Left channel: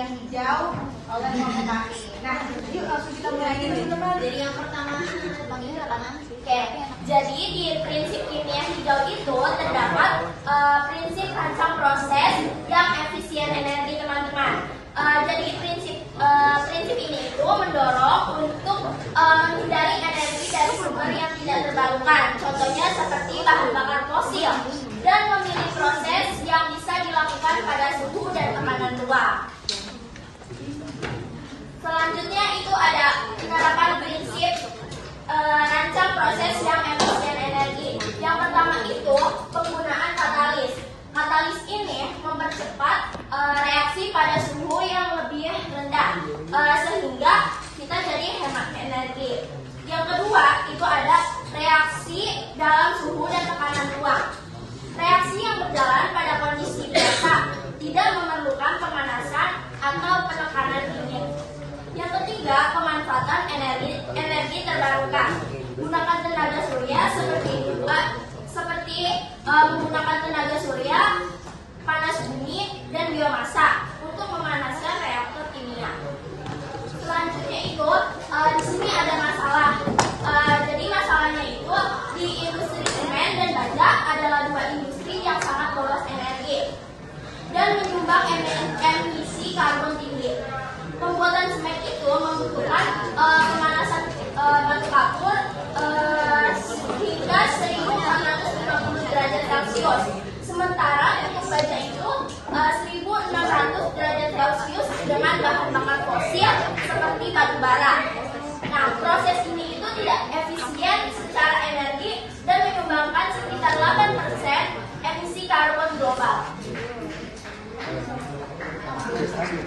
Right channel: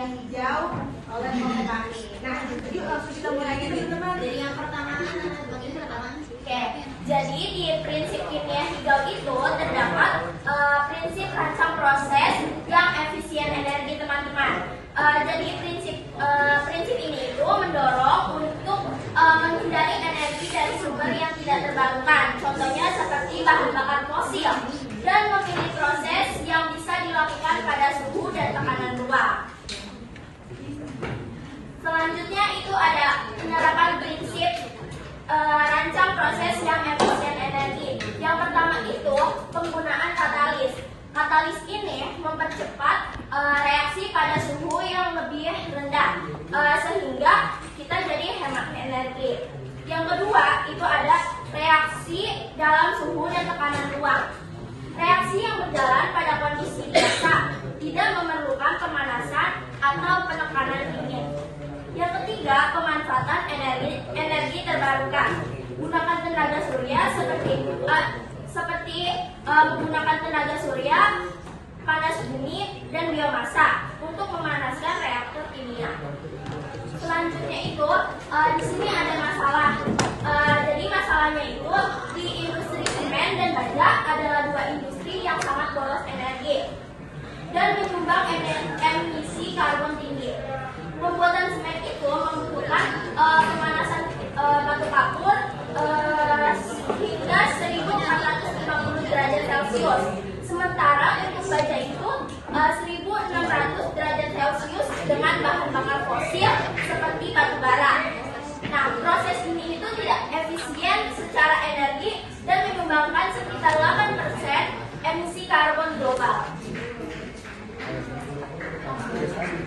yang hijau dan yang kuning. Nah, yuk langsung kita mulai ini teman. Jadi yang pertama, Oke, jadi di prinsip kimia hijau itu terdapat prinsip rancang proses yang efisien energi teman-teman. Jadi prinsip ini itu mendorong untuk menghindari energi dari sumber yang tidak terbarukan. Contohnya seperti bahan bakar fosil dan memilih proses yang bisa dilakukan pada suhu dan tekanan ruang. Selanjutnya itu ada penerapan prinsip rancang proses yang efisien energi. Yang pertama itu penggunaan katalis. Katalis ini mempercepat reaksi pada suhu yang lebih rendah sehingga kita jadi hemat energi. Yang kedua itu ada reaksi dalam suhu dan tekanan ruang. Reaksi yang berjalan pada kondisi biasa tidak memerlukan pemanasan atau penekanan dingin. Yang ketiga, pemanfaatan energi terbarukan. Gunakan tenaga surya seperti menggunakan tenaga surya, panas bumi, dan biomasa untuk memanaskan reaktor kimia. Selanjutnya itu di sini ada masalah. Jadi masalahnya itu di industri semen dan baja adalah dua industri yang sangat boros energi dan menyumbang emisi karbon tinggi. Pembuatan semen itu membutuhkan pemanasan batu kapur hingga 1450 derajat Celcius. Sementara untuk baja itu 1600 derajat Celcius dengan bahan bakar fosil seperti batu bara. Nah, proses ini itu tidak efisien secara energi dan menyumbangkan sekitar 8% emisi karbon global.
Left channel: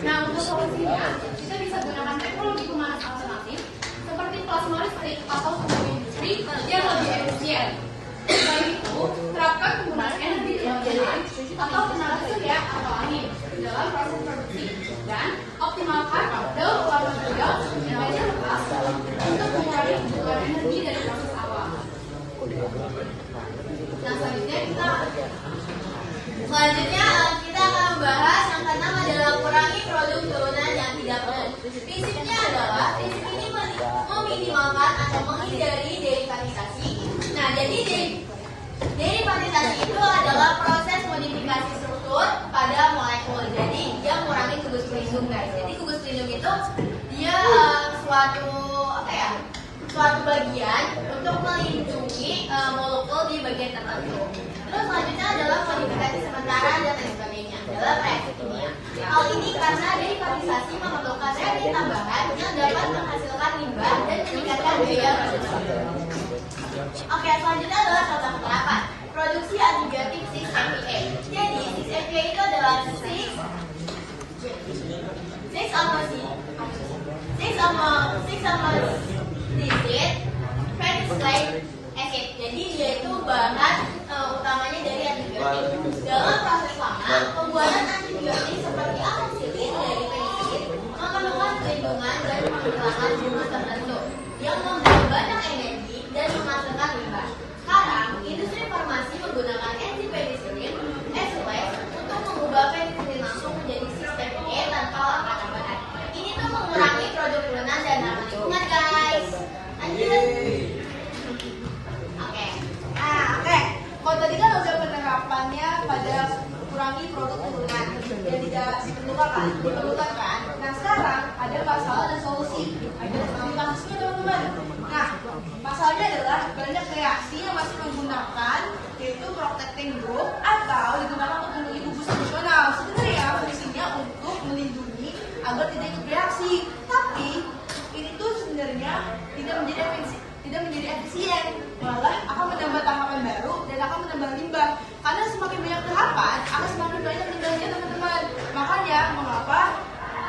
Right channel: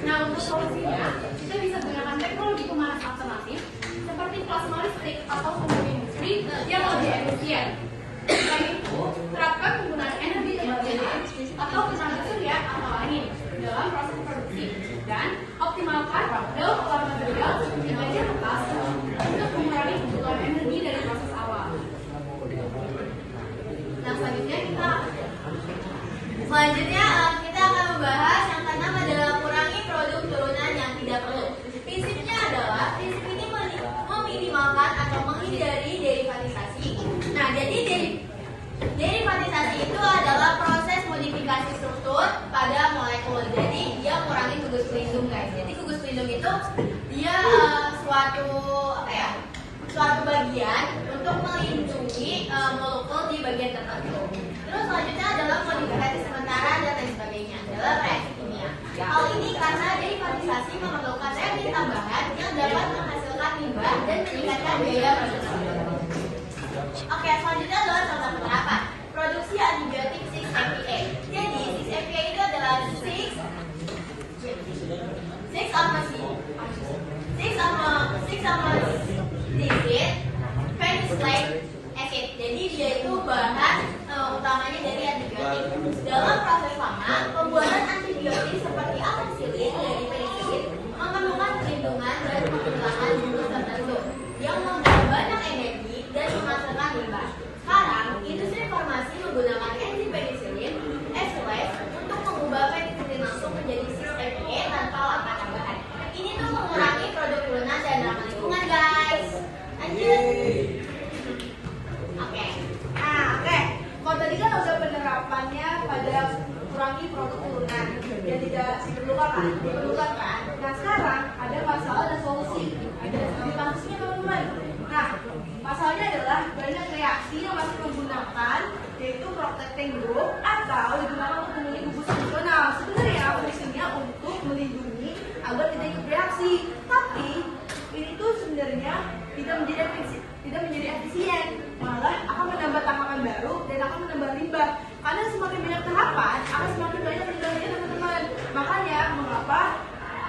Nah, untuk solusinya, kita bisa gunakan teknologi pemanas alternatif seperti plasma listrik atau sumber industri yang lebih efisien. Selain itu, terapkan penggunaan energi terbarukan atau tenaga surya atau angin dalam proses produksi dan optimalkan daur ulang material yang ada bekas untuk mengurangi kebutuhan energi dari proses awal. Nah, selanjutnya kita akan membahas yang keenam adalah kurangi produk turunan yang tidak perlu. Prinsipnya adalah prinsip ini meminimalkan atau menghindari derivatisasi. Nah, jadi derivatisasi itu adalah proses modifikasi struktur pada molekul. Jadi dia mengurangi gugus pelindung, guys. Jadi gugus pelindung itu dia suatu bagian untuk melindungi molekul di bagian tertentu. Terus selanjutnya adalah modifikasi sementara dan lain sebagainya dalam reaksi kimia. Hal ini karena derivatisasi memerlukan reagen tambahan yang dapat menghasilkan limbah dan meningkatkan biaya produksi. Oke, selanjutnya adalah contoh penerapan produksi antibiotik 6-APA. Jadi 6-APA itu adalah 6-amazicid penicillin acid. Jadi dia itu bahan utamanya dari antibiotik. Dalam proses lama, pembuatan antibiotik seperti amoxicillin dari penicillin memerlukan perlindungan dan pengulangan jumlah tertentu yang membuat banyak energi dan menghasilkan limbah. Sekarang, industri farmasi menggunakan enzim penicillin S-lase untuk mengubah penicillin langsung menjadi 6-APA tanpa langkah tambahan. Ini tuh mengurangi produk turunan dan ramah lingkungan, guys. Lanjut. Oke. Kalau tadi kan udah penerapannya pada kurangi produk turunan yang tidak diperlukan kan. Nah, sekarang ada masalah dan solusi. Ada di kampus teman-teman. Nah, masalahnya adalah banyak reaksi yang masih menggunakan yaitu protecting group atau digunakan untuk melindungi gugus fungsional. Sebenarnya fungsinya untuk melindungi agar tidak ikut reaksi, tapi ini tuh sebenarnya tidak menjadi efisien, malah akan menambah tahapan baru dan akan menambah limbah. Karena semakin banyak tahapan, akan semakin banyak limbahnya teman-teman. Makanya mengapa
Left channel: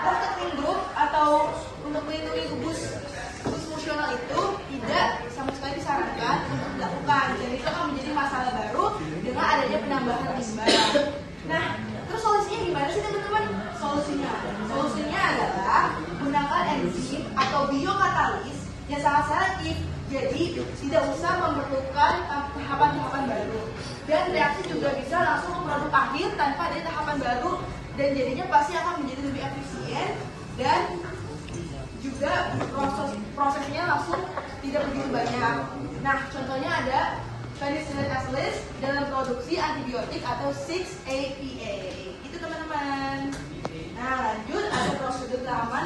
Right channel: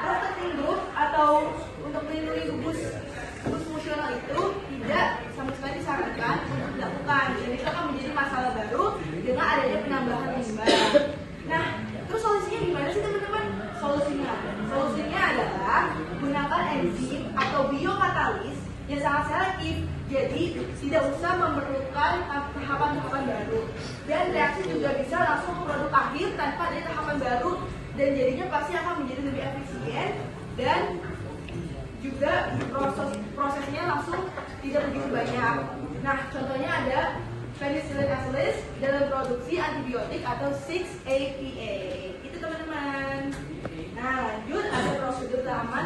protecting group atau untuk melindungi gugus fungsional itu tidak sama sekali disarankan untuk dilakukan. Dan itu akan menjadi masalah baru dengan adanya penambahan limbah. Nah, terus solusinya gimana sih teman-teman? Solusinya adalah gunakan enzim atau biokatalis yang sangat selektif, jadi tidak usah memerlukan tahapan-tahapan baru. Dan reaksi juga bisa langsung ke produk akhir tanpa ada tahapan baru dan jadinya pasti akan menjadi lebih efisien dan juga prosesnya langsung tidak begitu banyak. Nah, contohnya ada penicillin acilis dalam produksi antibiotik atau 6-APA. Itu teman-teman. Nah, lanjut ada prosedur aman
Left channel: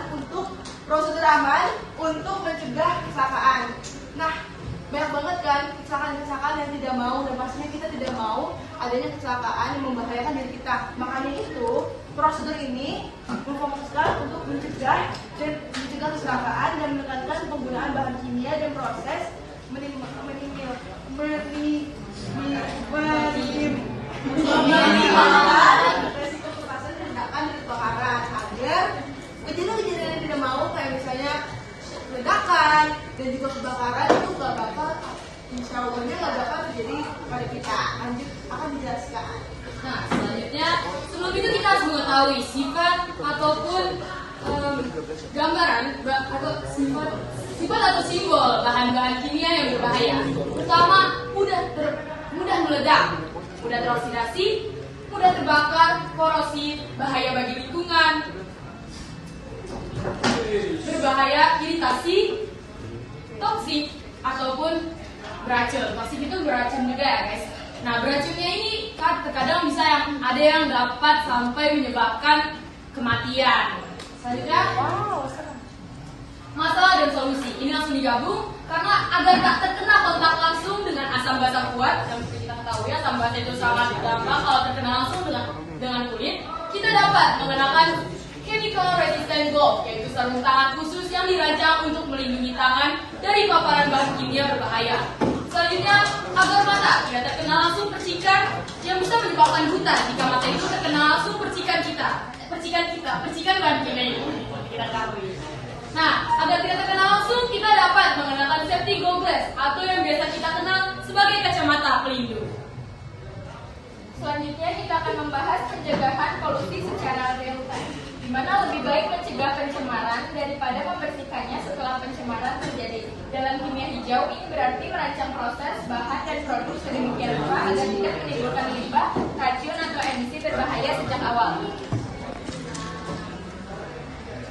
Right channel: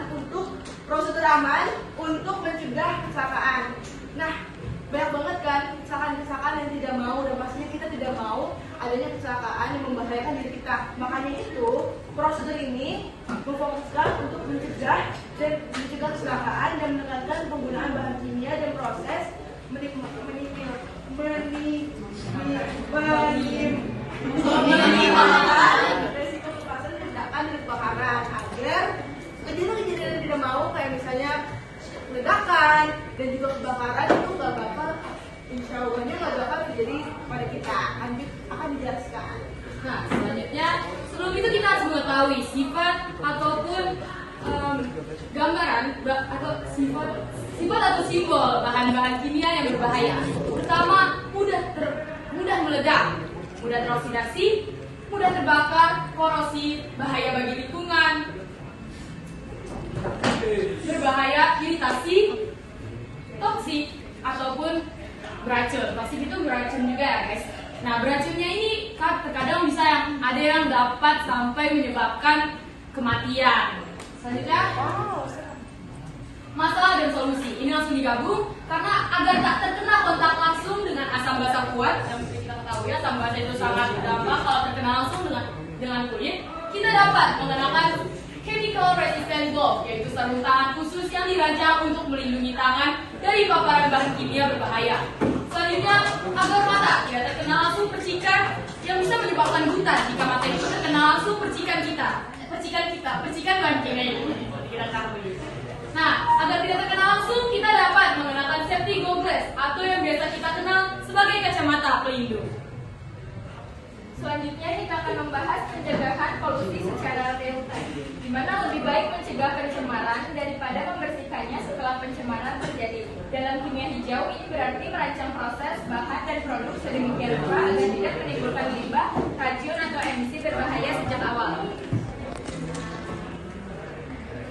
untuk mencegah kecelakaan. Nah, banyak banget kan kecelakaan-kecelakaan yang tidak mau, dan pastinya kita tidak mau adanya kecelakaan yang membahayakan diri kita. Makanya itu prosedur ini memfokuskan untuk mencegah kecelakaan dan menekankan penggunaan bahan kimia dan proses resiko kepanasan ledakan dan kebakaran agar kejadian-kejadian yang tidak mau kayak misalnya ledakan dan juga kebakaran itu nggak bakal, insya Allahnya nggak bakal terjadi pada kita. Lanjut akan dijelaskan. Nah, selanjutnya sebelum itu kita harus mengetahui sifat ataupun gambaran atau sifat atau simbol bahan-bahan kimia yang berbahaya. Pertama, mudah meledak, mudah teroksidasi, mudah terbakar, korosif, bahaya bagi lingkungan, berbahaya, iritasi, toksik, ataupun beracun. Toksik itu beracun juga ya guys. Nah, beracunnya ini terkadang bisa ada yang dapat sampai menyebabkan kematian. Selanjutnya, masalah dan solusi. Ini langsung digabung karena agar tak terkena kontak langsung dengan asam basa kuat, yang seperti kita ketahui asam basa itu sangat berdampak kalau terkena langsung dengan kulit. Kita dapat menggunakan chemical resistant glove, yaitu sarung tangan khusus yang dirancang untuk melindungi tangan dari paparan bahan kimia berbahaya. Selanjutnya, agar mata tidak terkena langsung percikan yang bisa menyebabkan buta jika mata itu terkena langsung percikan bahan kimia itu kita ketahui. Nah, agar tidak terkena langsung, kita dapat menggunakan safety goggles atau yang biasa kita kenal sebagai kacamata pelindung. Selanjutnya kita akan membahas pencegahan polusi secara real time, di mana lebih baik mencegah pencemaran daripada membersihkannya setelah pencemaran terjadi. Dalam kimia hijau ini berarti merancang proses, bahan, dan produk sedemikian rupa agar tidak menimbulkan limbah, racun, atau emisi berbahaya sejak awal.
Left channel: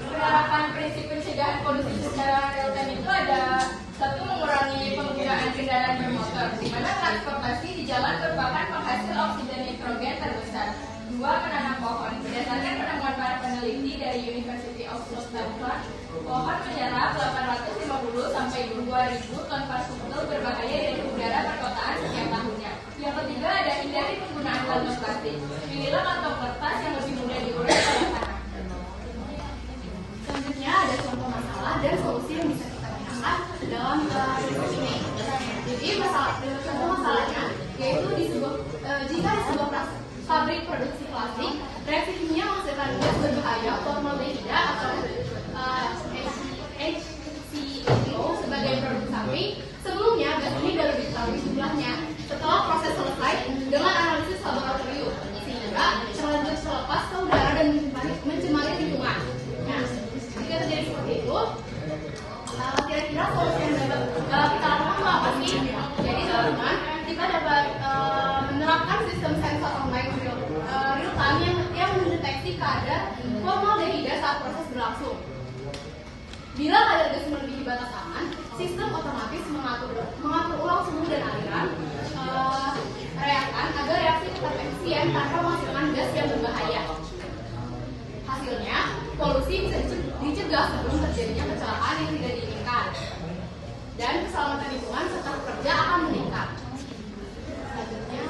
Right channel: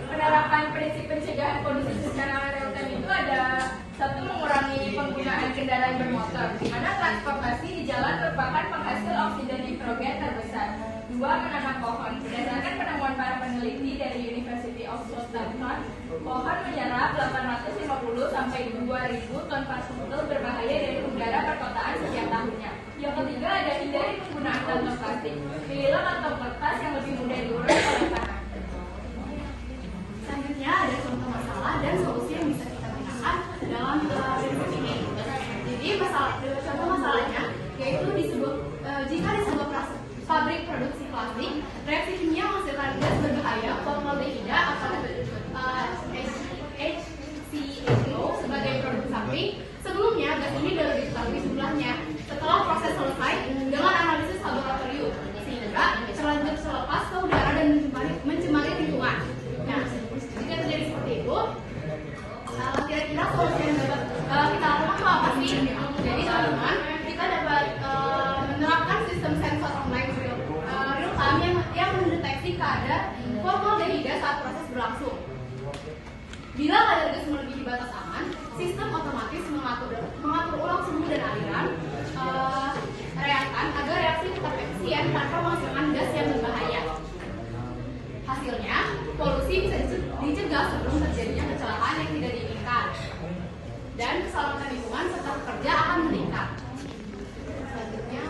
Penerapan prinsip pencegahan polusi secara real time itu ada: satu, mengurangi penggunaan kendaraan bermotor, di mana transportasi di jalan merupakan penghasil oksida nitrogen terbesar. Dua, menanam pohon. Berdasarkan penemuan para peneliti dari University of Southampton, pohon menyerap 850 sampai 2.000 ton partikel berbahaya dari udara perkotaan setiap tahunnya. Yang ketiga, ada hindari penggunaan kantong plastik. Pilihlah kantong kertas yang lebih mudah diurai oleh tanah. Selanjutnya ada contoh masalah dan solusi yang bisa kita gunakan dalam prinsip ini. Jadi contoh masalahnya yaitu jika di sebuah pabrik produksi plastik, reaksi kimia menghasilkan gas berbahaya formaldehida atau HCHO sebagai produk samping. Sebelumnya gas ini baru diketahui jumlahnya setelah proses selesai dengan analisis laboratorium, sehingga terlanjur selepas ke udara dan mencemari lingkungan. Nah, jika terjadi seperti itu, kira-kira solusi yang dapat kita lakukan itu apa sih? Jadi teman-teman, kita dapat menerapkan sistem sensor online real time yang mendeteksi kadar formaldehida saat proses berlangsung. Bila kadar gas melebihi batas aman, sistem otomatis mengatur ulang suhu dan aliran reaktan agar reaksi tetap efisien tanpa menghasilkan gas yang berbahaya. Hasilnya, polusi bisa dicegah sebelum terjadinya kecelakaan yang tidak diinginkan, dan keselamatan lingkungan serta pekerja akan meningkat. Selanjutnya,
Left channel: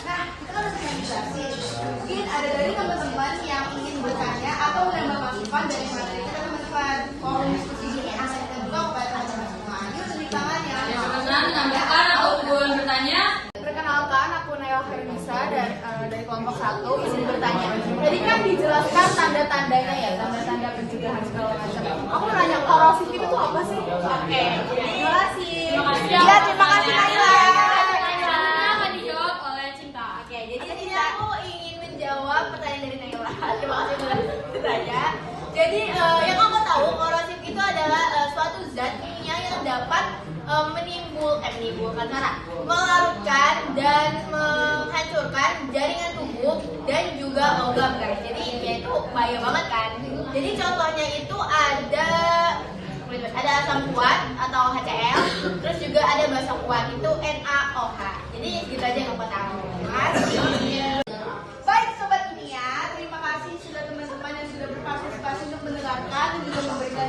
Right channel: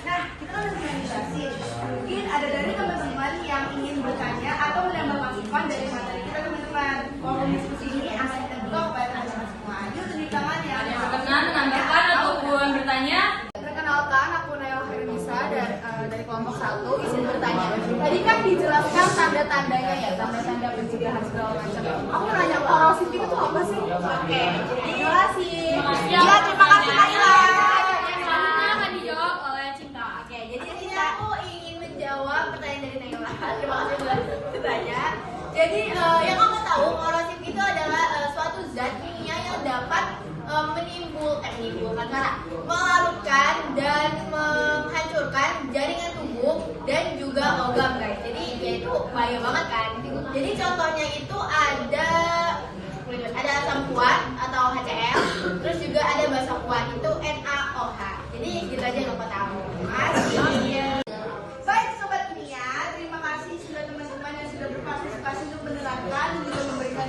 Nah, kita kan masih meditasi. Mungkin ada dari teman-teman yang ingin bertanya atau menambah masukan dari materi kita teman-teman. Forum diskusi ini akan kita buka kepada teman-teman semua. Yuk, tunjuk tangan ya. dengan menambahkan ataupun bertanya. Perkenalkan, aku Naila Hermisa dari kelompok 1 izin bertanya. Tadi kan dijelaskan tanda-tandanya ya, tanda-tanda pencegahan segala macam. Aku nanya korosif itu apa sih? Oke, terima kasih. Terima kasih. Ya, terima kasih Naila. Selanjutnya akan dijawab oleh Cinta. Oke, jadi di sini aku ingin menjawab pertanyaan dari Naila. Terima kasih sudah bertanya. Jadi yang aku tahu korosif itu adalah suatu zat kimia yang dapat melarutkan dan menghancurkan jaringan tubuh dan juga logam guys. Jadi ya itu bahaya banget kan. Jadi contohnya itu ada asam kuat atau HCl, terus juga ada basa kuat itu NaOH. Jadi gitu aja yang aku tahu. Baik sobat Nia, terima kasih sudah teman-teman yang sudah berpartisipasi untuk mendengarkan dan juga memberikan